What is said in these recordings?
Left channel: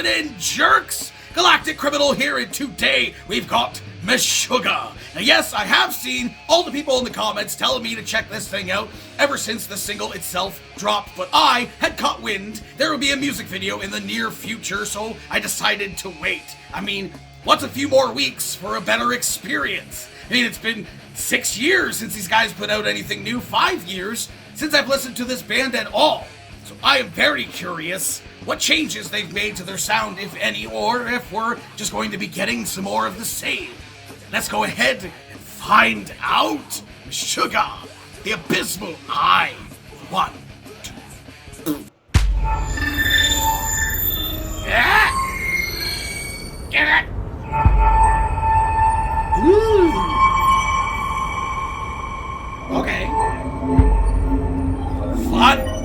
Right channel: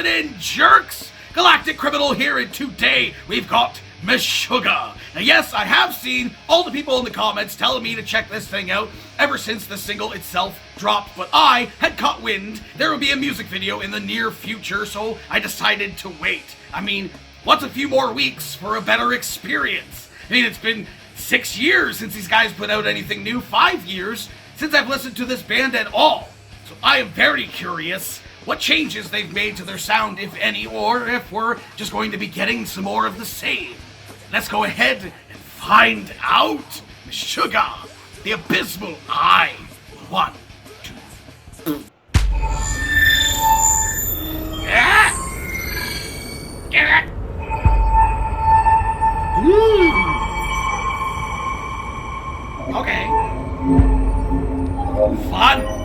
happening, jerks? Galactic Criminal here, and today we've got MESHUGGAH. Now yes, I have seen all the people in the comments telling me to check this thing out ever since the single itself dropped, but I had caught wind there would be a music video in the near future, so I decided to wait. I mean, what's a few more weeks for a better experience? I mean, it's been 6 years since these guys put out anything new, 5 years since I've listened to this band at all. So I am very curious what changes they've made to their sound, if any, or if we're just going to be getting some more of the same. Let's go ahead and find out. MESHUGGAH, the Abysmal Eye. 1, 2. Yeah. Get it. Ooh. Okay. Fun.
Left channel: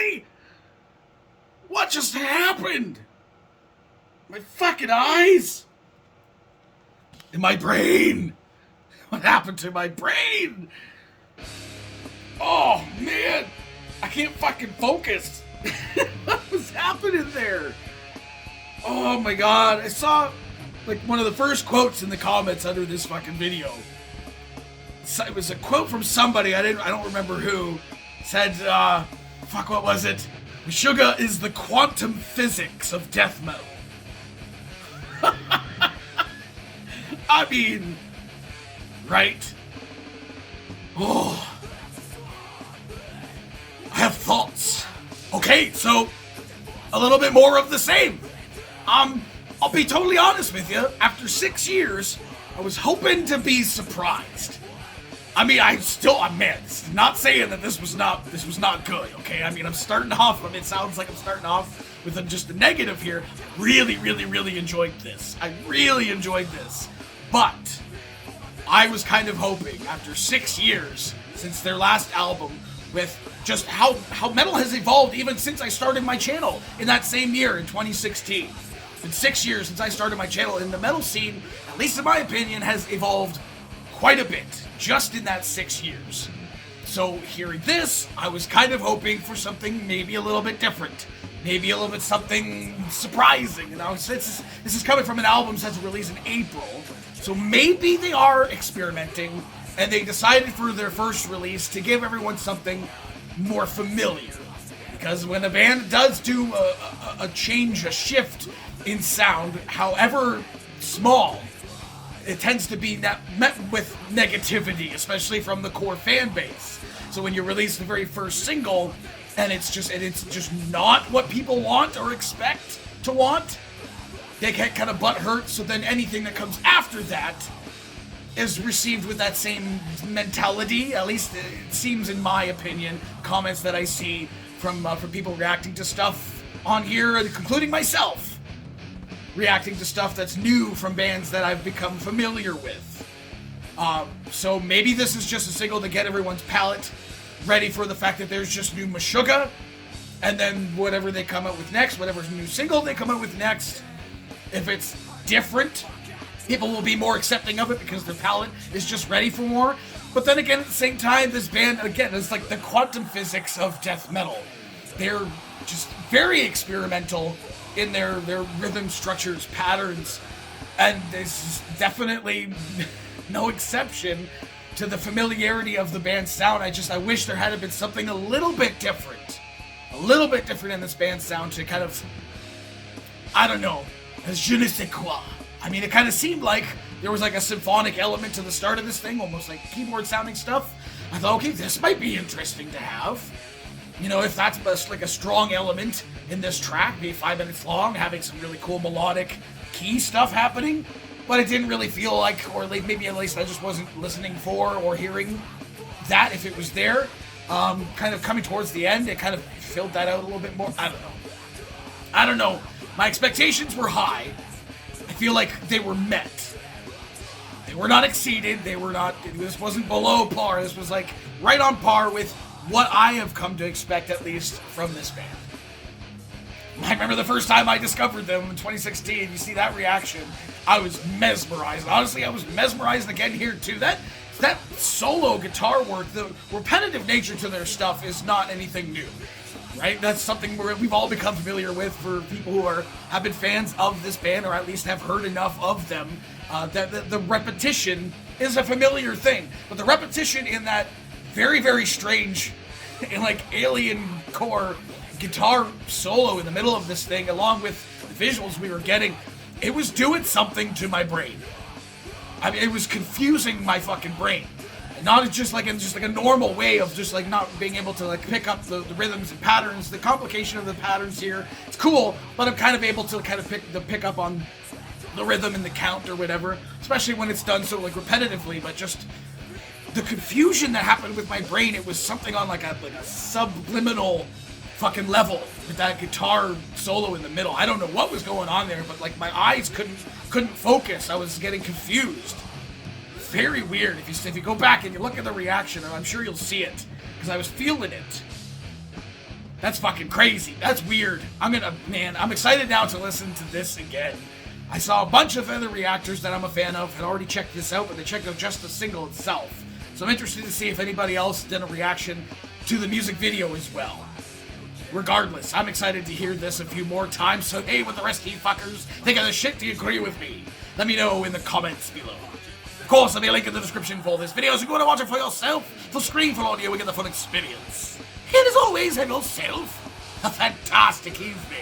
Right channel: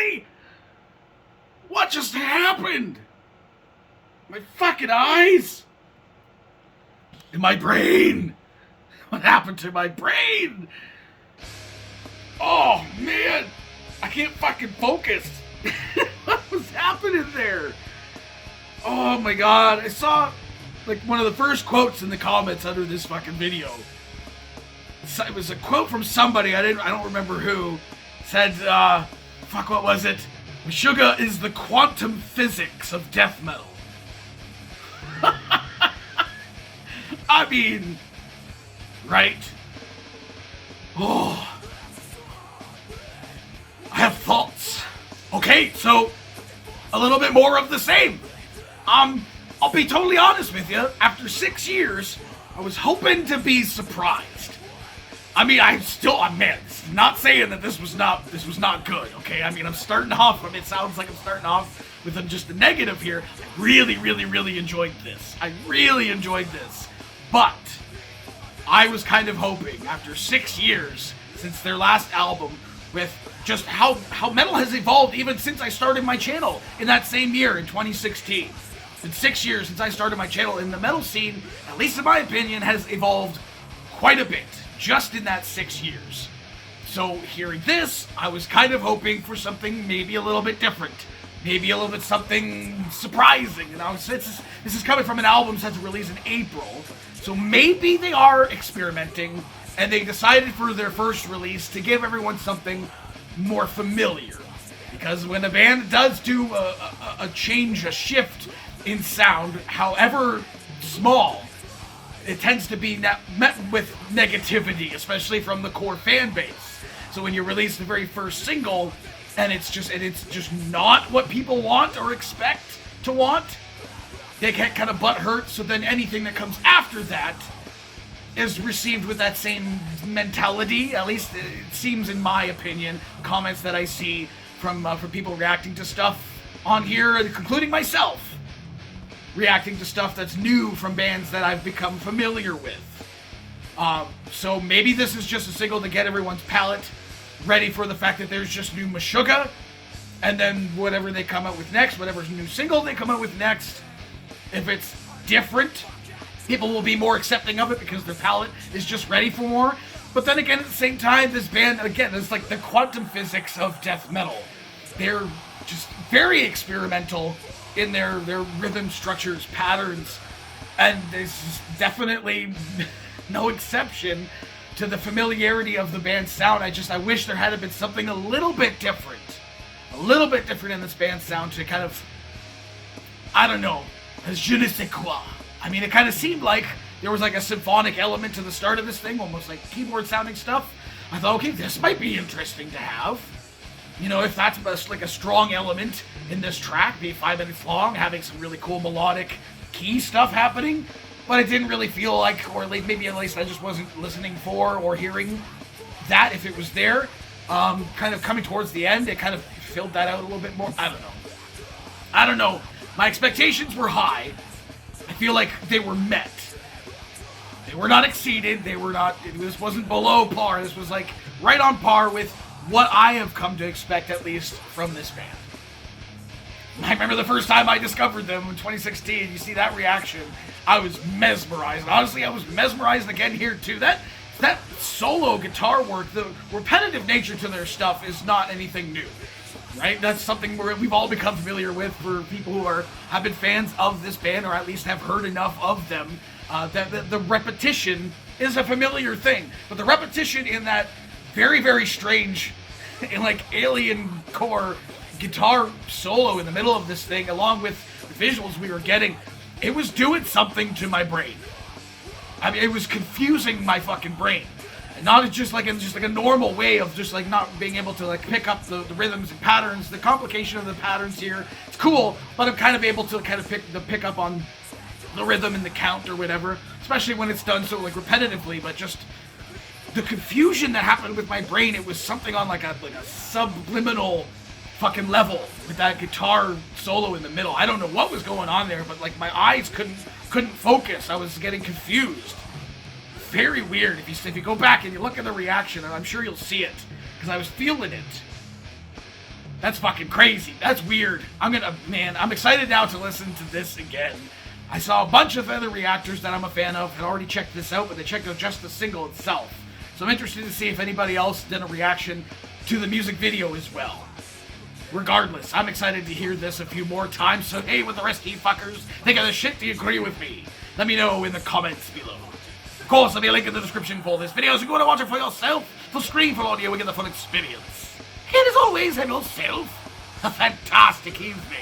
Really? What just happened? My fucking eyes? In my brain? What happened to my brain? Oh, man. I can't fucking focus. What was happening there? Oh my god. I saw, like, one of the first quotes in the comments under this fucking video. It was a quote from somebody, I don't remember who, said, fuck, what was it? Meshuggah is the quantum physics of death metal. I mean, right? Oh. I have thoughts. Okay, so, a little bit more of the same. I'll be totally honest with you, after 6 years, I was hoping to be surprised. I mean, I'm not saying that this was not good, okay? I mean, it sounds like I'm starting off with just a negative here. Really, really, really enjoyed this. I really enjoyed this. But, I was kind of hoping, after 6 years since their last album, with just how metal has evolved even since I started my channel in that same year, in 2016. It's been 6 years since I started my channel, and the metal scene, at least in my opinion, has evolved quite a bit. Just in that 6 years. So hearing this, I was kind of hoping for something maybe a little bit different. Maybe a little bit something surprising. You know, this is coming from an album that's released in April. So maybe they are experimenting, and they decided for their first release to give everyone something more familiar. Because when a band does do a change, a shift in sound, however small, it tends to be met with negativity, especially from the core fan base. So when you release the very first single, and it's just not what people want or expect to want, they get kind of butthurt. So then anything that comes after that is received with that same mentality. At least it seems, in my opinion, comments that I see from people reacting to stuff on here, including myself. Reacting to stuff that's new from bands that I've become familiar with. So maybe this is just a single to get everyone's palate ready for the fact that there's just new Meshuggah, and then whatever they come out with next, whatever new single they come out with next, if it's different, people will be more accepting of it because their palate is just ready for more. But then again, at the same time, this band, again, is like the quantum physics of death metal. They're just very experimental in their rhythm structures, patterns, and there's definitely no exception to the familiarity of the band's sound. I wish there had been something a little bit different in this band's sound to kind of, I don't know, as je ne sais quoi. I mean, it kind of seemed like there was like a symphonic element to the start of this thing, almost like keyboard sounding stuff. I thought, okay, this might be interesting to have. You know, if that's like a strong element in this track, maybe 5 minutes long, having some really cool melodic key stuff happening, but it didn't really feel like, or like maybe at least I just wasn't listening for or hearing that if it was there. Kind of coming towards the end, it kind of filled that out a little bit more. I don't know. My expectations were high. I feel like they were met. They were not exceeded. This wasn't below par. This was like right on par with what I have come to expect, at least, from this band. I remember the first time I discovered them in 2016. You see that reaction? I was mesmerized. Honestly, I was mesmerized again here too. That solo guitar work, the repetitive nature to their stuff is not anything new, right? That's something we've all become familiar with for people who have been fans of this band, or at least have heard enough of them. The repetition is a familiar thing, but the repetition in that very, very strange, in like alien core guitar solo in the middle of this thing, along with the visuals we were getting, it was doing something to my brain. I mean, it was confusing my fucking brain. And not just like a normal way of just like not being able to like pick up the rhythms and patterns, the complication of the patterns here. It's cool, but I'm kind of able to kind of pick up on the rhythm and the count or whatever, especially when it's done so like repetitively. But just the confusion that happened with my brain, it was something on like a subliminal fucking level with that guitar solo in the middle. I don't know what was going on there, but like my eyes couldn't focus. I was getting confused. Very weird. If you go back and you look at the reaction, and I'm sure you'll see it, because I was feeling it. That's fucking crazy. That's weird. I'm excited now to listen to this again. I saw a bunch of other reactors that I'm a fan of had already checked this out, but they checked out just the single itself. So I'm interested to see if anybody else did a reaction to the music video as well. Regardless, I'm excited to hear this a few more times, so hey, with the rest of you fuckers, think of the shit, do you agree with me? Let me know in the comments below. Of course, there'll be a link in the description for this video, so if you want to watch it for yourself, full screen for audio, we get the full experience. And as always, have yourself a fantastic evening.